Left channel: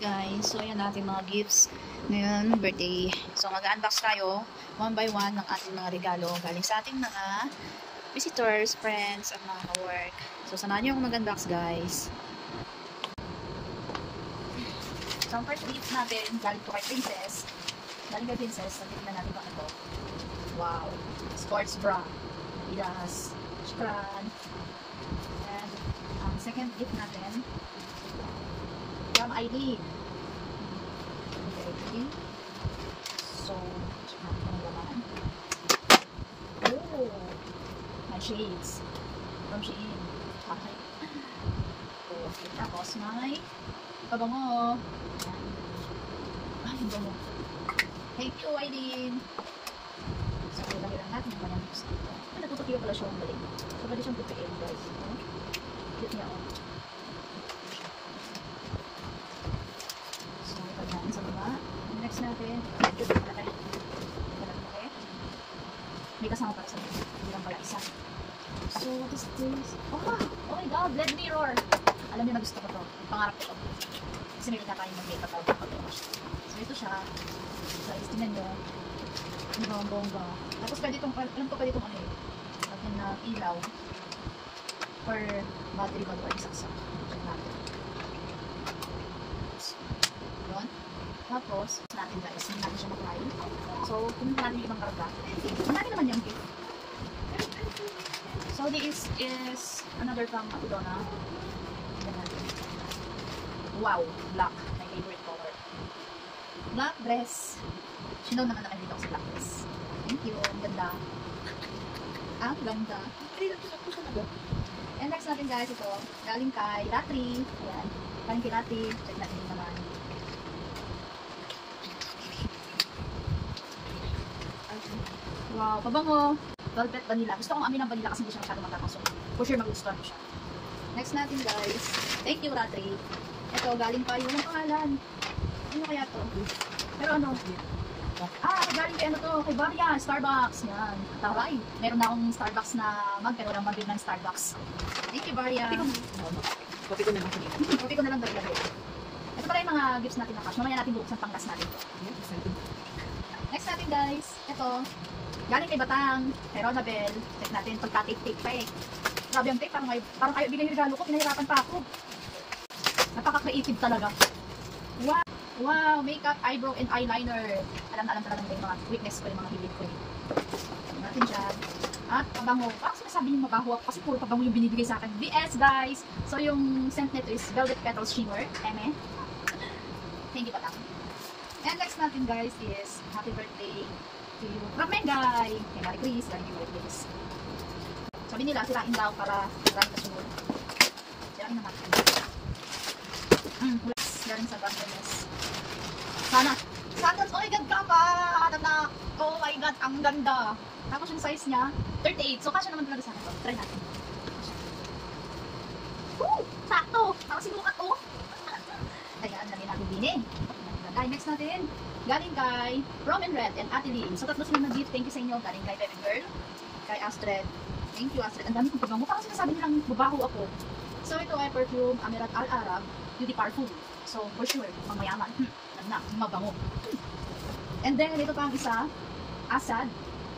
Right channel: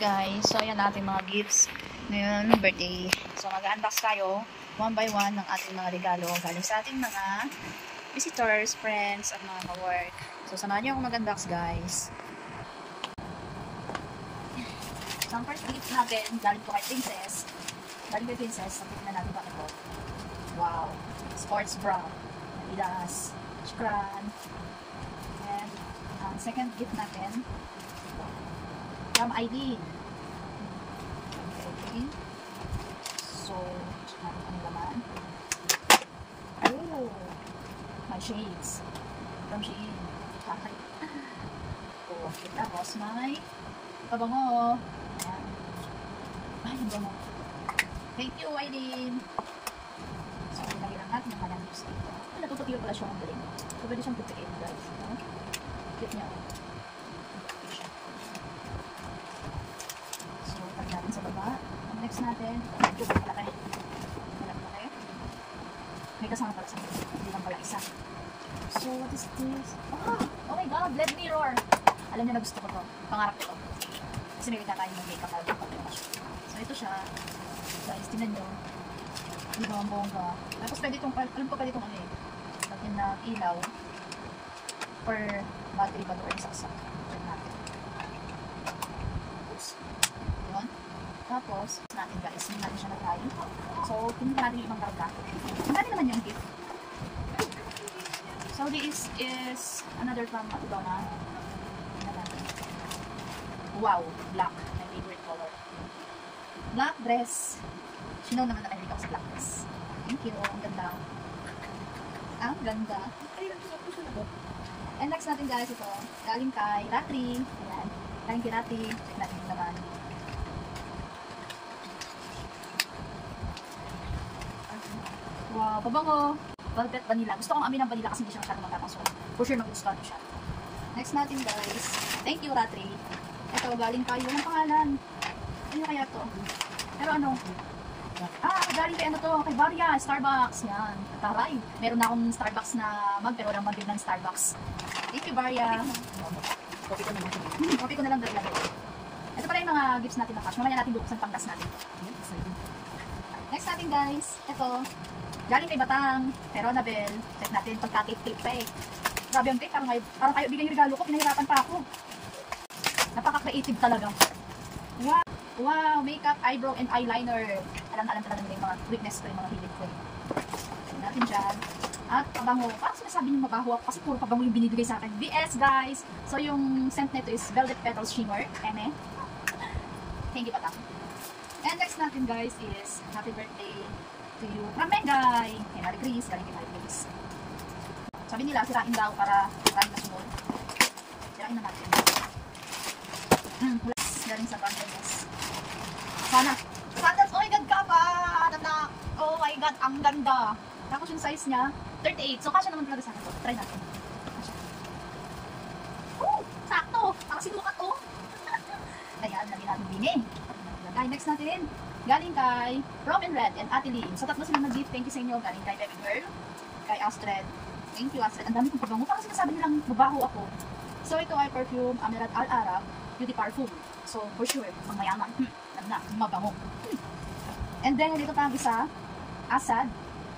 Guys, so ayan natin mga gifts ngayon, birthday. So mag-unbox tayo one by one ng ating mga regalo galing sa ating mga visitors, friends, at mga ka-work. So samahan niyo ako mag-unbox, guys. So ang first gift natin galing to kay Princess. Galing kay Princess, so tignan natin ba ito. Wow, sports bra, Adidas, Shukran. And ang second gift natin, Jam ID. Okay. So, check natin ang laman. Oh, my shades. From Shein. Okay. Oh, tapos may pabango. Ayan. Ay, ang bango. Thank you, Aileen. So, ilagay lang natin yung kanyang gusto. Ay, natutupiyo pala siya ang galing. So, pwede siyang tutupiin, guys. Cute niya, oh. Natin. Ito pala tayo. May kasama pala sa mga. Hindi lang pala isa. So, what is this? Oh my god, LED mirror. Alam niyo na gusto ko to. Pangarap ko to. Kasi may na tayo ng makeup pala pag-wash. So, ito siya. Guys, tingnan nyo. Diba ang bongga. Tapos pwede itong, alam ko pwede itong ano eh. Lagyan na ilaw. Or battery bago or isaksak. Check natin. Tapos, natin guys, hindi natin siya na-try. So, pinunta natin yung ibang karga. Hindi natin naman yung gift. So, this is another from Donna. Wow, black. My favorite color. Black dress. Sino naman na mahilig ako sa black dress. Thank you. Ang ganda. Ang ganda. And next natin guys, ito. Galing kay Latri. Ayan. Galing kay Latri. Check natin yung naman. Wow, pabango. Velvet vanilla. Gusto kong amin ng vanilla kasi hindi siya masyadong matapang. So, for sure magugustuhan ko siya. Next natin guys. Thank you, Ratri. Ito, galing kayo. Walang pangalan. Ano kaya to? Pero ano? Galing kay ano to? Kay Varia, Starbucks. Yan. Taray. Meron na akong Starbucks na mug, pero nang mag-build ng Starbucks. Thank you, Varia. Copy ko na lang. Copy ko na lang lagi. Ito pa rin yung mga gifts natin na cash. Mamaya natin buksan panggas natin. Yan, excited. Next natin guys. Ito. Galing kay Batang, pero Nabel, check natin, pagka-tape-tape pa eh. Grabe yung tape, parang kayo bigay yung regalo ko, pinahirapan pa ako. Napaka-creative talaga. Wow! Wow! Makeup, eyebrow, and eyeliner. Alam na alam talaga ng mga weakness ko, yung mga hilig ko eh. Tignan natin dyan. At pabango. Parang sinasabi yung mabaho ako kasi puro pabango yung binibigay sa akin. BS guys! So yung scent nito is Velvet Petals Shimmer. Eme. Thank you, Batang. And next natin guys is happy birthday to you from Mengay. Kay Mary Chris, galing kay Mary Chris. Sabi nila, sirain daw para galing kasunod. Sirain na natin. Galing sa brand yes. Sana. Sandals, oh my god, kaka! Tatak! Oh my god, ang ganda! Tapos yung size niya, 38. So, kasya naman talaga sa akin to. Try natin. Kasya. Woo! Sakto! Nakasinukat to. Ayan, namin natin din eh. Next natin. Galing kay Rom and Red and Ate Lynn. So, tatlo silang nag-gift. Thank you sa inyo. Galing kay Baby Girl, kay Astrid. Thank you, Astrid. Ang dami kong pabango. Parang sinasabi nilang mabaho ako. So, ito ay perfume Amirat Al-Arab Beauty Parfum. So, for sure, pang mayaman. Alam na, mabango. And then, ito pa ang isa. Asad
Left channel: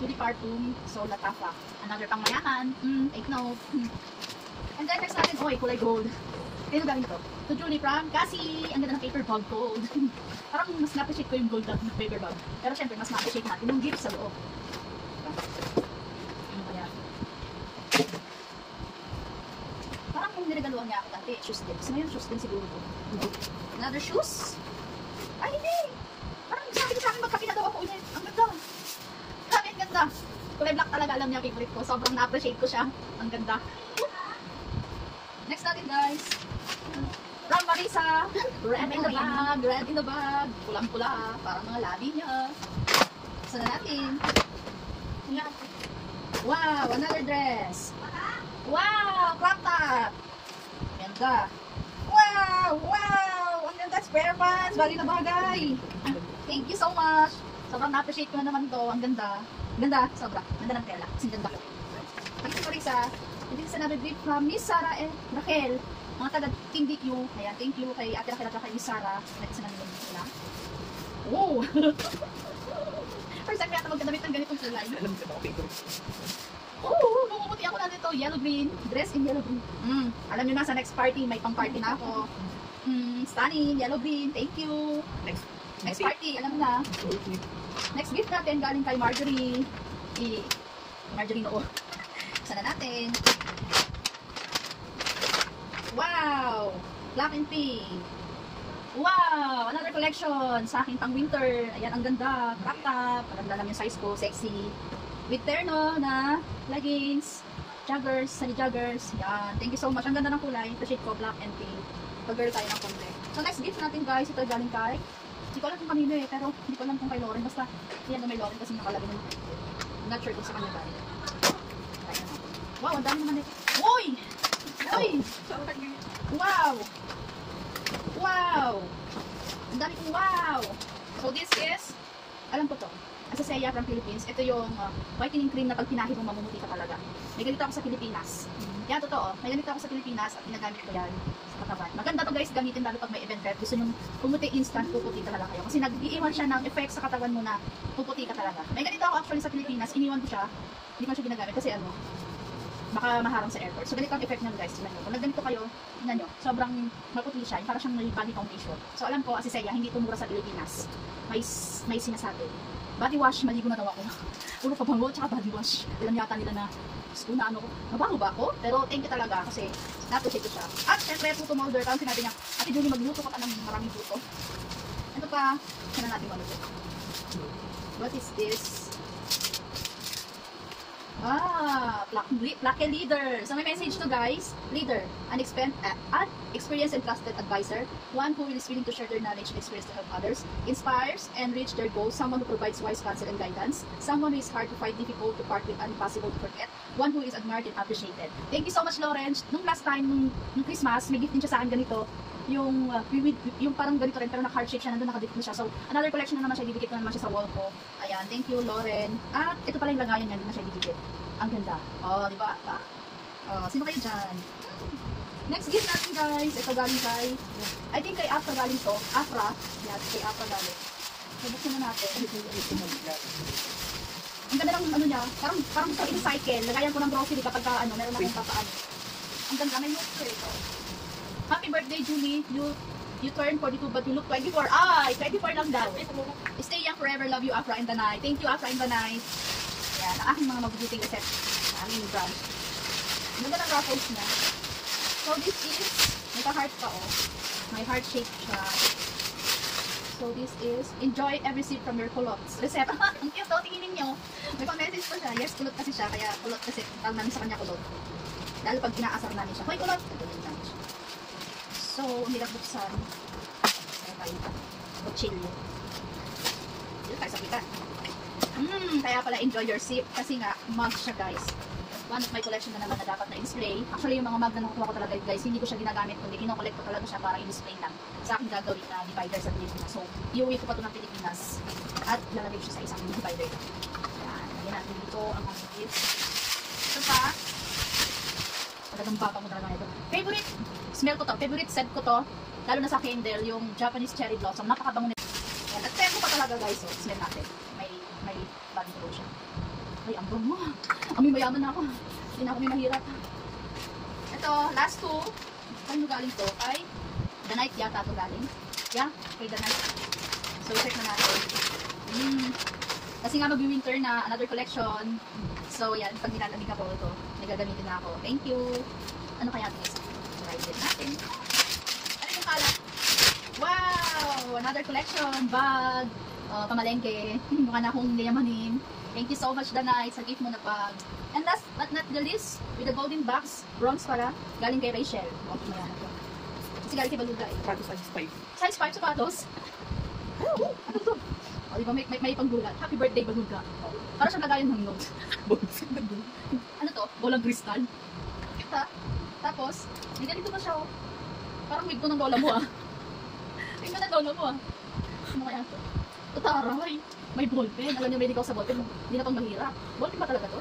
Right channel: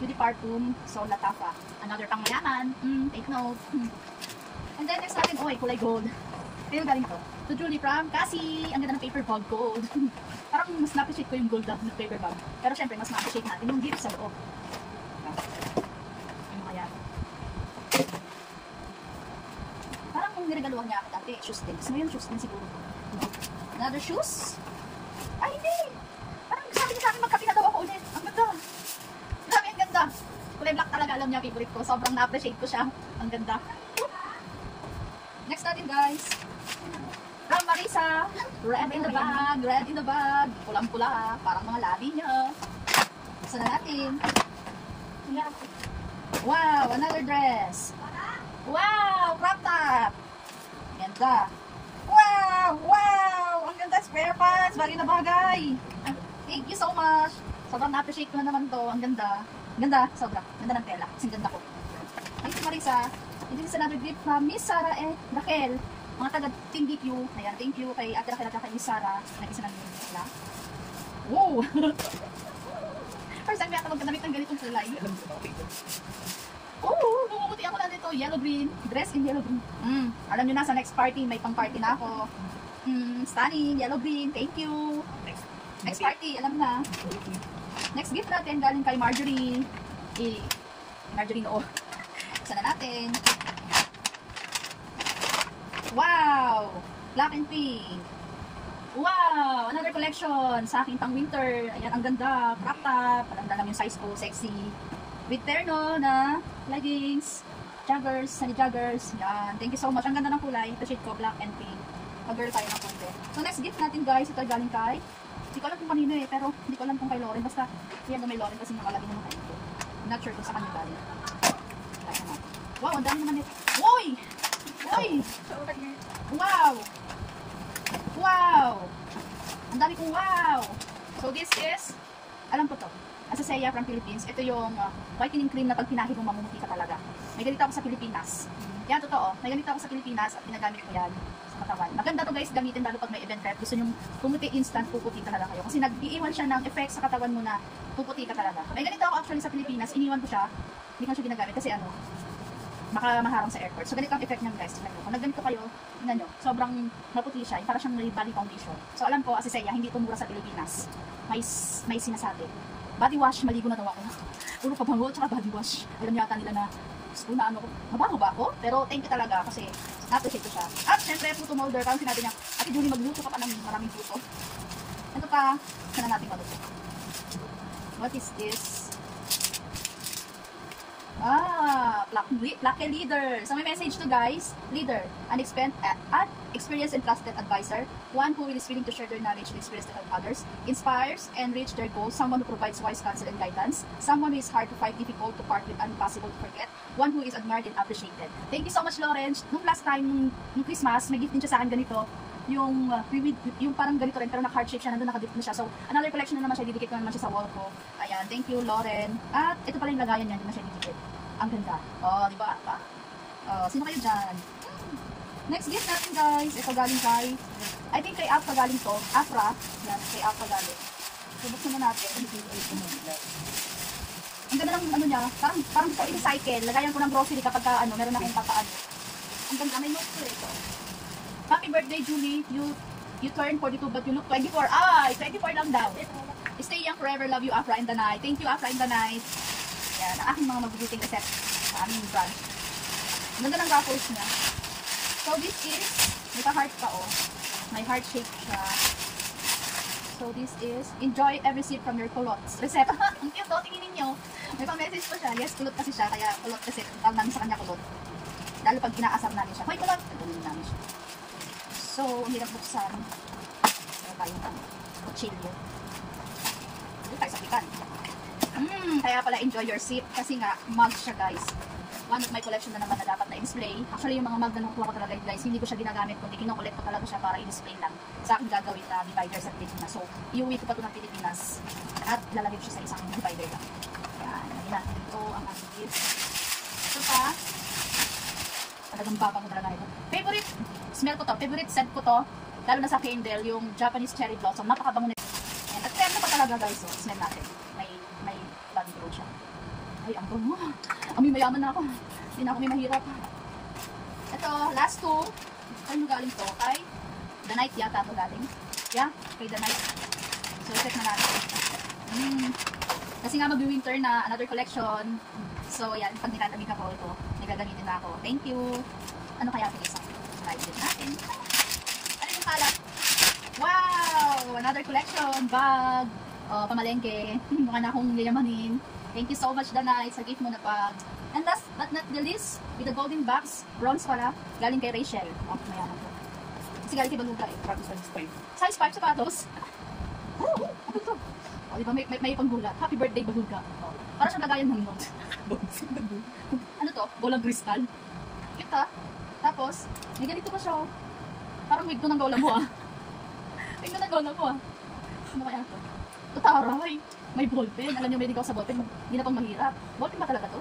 Beauty Parfum. So, Latafa. Another pang mayaman. Take note. And then, next natin, kulay gold. Ito galing to. To Julie from Cassie. Ang ganda ng paper bag gold. Parang mas na-appreciate ko yung gold na paper bag. Pero syempre, mas na-appreciate natin yung gift sa loob. Ano kaya? Parang niregaluhan niya ako dati. Shoes din. Kasi ngayon shoes din siguro. Another shoes? Ay, hindi! Parang sabi niya sa akin, magkapi na daw ako ulit. Ang ganda. Grabe, ang ganda. Kulay black talaga, alam niya, favorite ko. Sobrang na-appreciate ko siya. Ang ganda. Next natin, guys. From Marisa, red in the bag, red in the bag, pulang-pula, parang mga labi niya. Gusto na natin. Wow, another dress. Wow, crop top. Ganda. Wow, wow, ang ganda, square pants, bagay na bagay. Thank you so much. Sobrang na-appreciate ko na naman to, ang ganda. Ganda, sobra. Ganda ng tela, kasi ganda ko. Thank you, Marisa. And this is another gift from Miss Sarah and Raquel. Mga taga Team DQ, ayan, thank you kay Ate Raquel at kay Miss Sarah. May isa na nilin sila. Oh! First time kaya magkadamit ng ganitong kulay. Oh, bumubuti ako na dito. Yellow green. Dress in yellow green. Alam nyo na, sa next party, may pang party na ako. Stunning, yellow green. Thank you. Next party, alam na. Next gift natin, galing kay Marjorie. Marjorie noo. Buksan na natin. Wow! Black and pink. Wow! Another collection sa aking pang winter. Ayan, ang ganda. Crop top. Alam na lang yung size ko. Sexy. With terno na leggings. Joggers. Sunny joggers. Yan. Thank you so much. Ang ganda ng kulay. Ito shade ko. Black and pink. Pag-girl tayo ng konti. So next gift natin guys. Ito galing kay. Hindi ko alam kung kanino eh. Pero hindi ko alam kung kay Lauren. Basta yan na may Lauren kasi nakalagay na naman. Not sure kung sa kanya galing. Tayo na. Wow! Ang dami naman eh. Uy! Uy! Wow! Wow! Ang dami kong wow! So this is, alam ko to, Asaseya from Philippines. Ito yung whitening cream na pag pinahid mo mamumuti ka talaga. May ganito ako sa Pilipinas. Yan, totoo. May ganito ako sa Pilipinas at ginagamit ko yan sa katawan. Maganda to guys, gamitin lalo pag may event prep. Gusto nyo pumuti instant, puputi talaga kayo. Kasi nag-iiwan siya ng effect sa katawan mo na puputi ka talaga. May ganito ako actually sa Pilipinas, iniwan ko siya. Hindi ko siya ginagamit kasi ano, baka maharang sa airport. So, ganito ang effect niyan guys. Tingnan nyo. Kung nagganito kayo, tingnan nyo, sobrang maputi siya. Parang siyang may body foundation. So, alam ko, Asaseya, hindi tumura sa Pilipinas. May sinasabi. Body wash, maligo na daw ako. Puro pabango, tsaka body wash. Alam yata nila na, kung na ano, mabaho ba ako? Pero thank you talaga kasi na-appreciate ko siya. At syempre, puto molder. Kung sinabi niya, Ate Julie, magluto ka pa ng maraming puto. Ito pa, sana natin maluto. What is this? Lucky leader. So may message to guys. Leader, an experienced and trusted advisor, one who is willing to share their knowledge and experience to help others, inspires and reach their goals, someone who provides wise counsel and guidance, someone who is hard to find, difficult to part with, and impossible to forget, one who is admired and appreciated. Thank you so much, Lawrence. Nung last time, nung Christmas, may gift din siya sa akin ganito. Yung parang ganito rin, pero naka-heart shape siya, nandun nakadip na siya. So, another collection na naman siya, didikit ko na naman siya sa wall ko. Ayan, thank you, Lauren. At ito pala yung lagayan niya, hindi na siya didikit. Ang ganda. Oh, di ba? Sino kayo dyan? Next gift natin, guys. Ito galing kay, I think kay Afra galing to. Afra. Yes, kay Afra galing. Subuksin na natin. Ang ganda ng ano niya, parang gusto ko i-recycle. Lagayan ko ng grocery kapag ano, meron akong papaan. Ang ganda, may note ko ito. Happy birthday, Julie. You turned 42 but you look 24. Ay, 24 lang daw. Stay young forever. Love you, Afra and the Night. Thank you, Afra and the Night. Yan, ang aking mga mabubuting recept sa aming branch. Ang ganda ng raffles niya. So, this is, may ka-heart pa, oh. May heart shape siya. So, this is, enjoy every sip from your culottes. Recept. Ang cute, oh. Tingin ninyo. May pa-message po siya. Yes, kulot kasi siya. Kaya kulot kasi. Tawag namin sa kanya kulot. Lalo pag inaasar namin siya. Hoy, kulot! Tutuloy namin siya. So, hirap buksan. Ano kayo? Kutsilyo. Dito tayo sa pitan. Kaya pala enjoy your sip. Kasi nga, mug siya guys. One of my collection na naman na dapat na-display. Actually, yung mga mug na nakukuha ko talaga guys, hindi ko siya ginagamit kundi kinokollect ko talaga siya para i-display lang sa aking gagawin na divider sa Pilipinas. So, iuwi ko pa ito ng Pilipinas at lalagay ko siya sa isang divider lang. Yan, nalagyan natin dito ang aking gift. Ito pa, talagang babango talaga ito. Favorite smell ko to, favorite scent ko to, lalo na sa candle, yung Japanese cherry blossom. Napakabango nito. At terno pa talaga guys, so smell natin. May body ko siya. Ay, ang bango. Amoy mayaman na ako. Hindi na ako may mahirap. Ito, last two. Ano galing to? Kay The Night yata ito galing. Yeah, kay The Night. So, check na natin. Kasi nga mag-winter na another collection. So, yan. Pag nilalamig ako ito, nagagamitin na ako. Thank you. Ano kaya ito isa? Live din natin. Ano yung kala? Wow! Another collection. Bag. Pamalengke. Mukha na akong yayamanin. Thank you so much, The Night, sa gift mo na bag. And last but not the least, with the golden box, bronze pala, galing kay Rachel. Kasi galing kay Baluga eh. Size 5 sapatos. Ano to? O, diba may panggulat. Happy birthday, Baluga. Para siyang lagayan ng note. Ano to? Bolang kristal. Cute ha? Tapos, may ganito pa siya. Parang wig to ng lola mo ah. Wig to ng lola mo ah. Ano kaya to? Tataray. May ballpen. Alam niyo, may ligaw sa ballpen. Hindi na itong mahirap. Ballpen ba talaga to?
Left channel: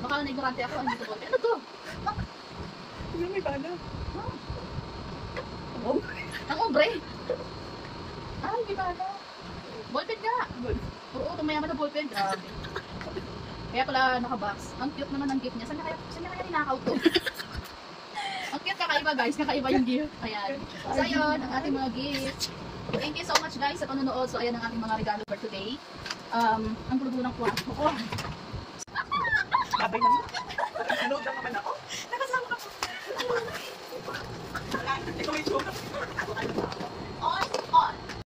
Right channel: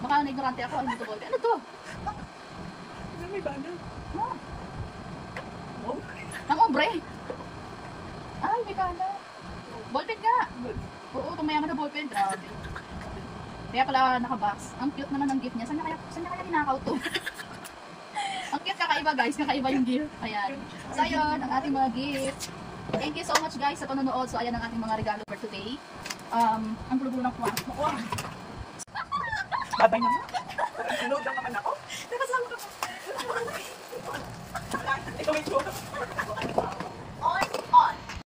Baka na-ignorante ako. Hindi to ballpen. Ano to? May bala. Ah. Ang obre. Ay, may kala. Ballpen ka. Oo, tumayaman na ballpen. Grabe. Kaya pala nakabox. Ang cute naman ng gift niya. Saan na kaya ninakaw to? Ang cute, kakaiba guys. Kakaiba yung gift. Ayan. So, ayun, ang ating mga gift. Thank you so much guys sa panonood. So, ayan ang ating mga regalo for today. Ang gulo-gulo ng kwarto ko. Babay naman. Sunod lang naman ako. Nakasama ka pa. Ikaw may tsura.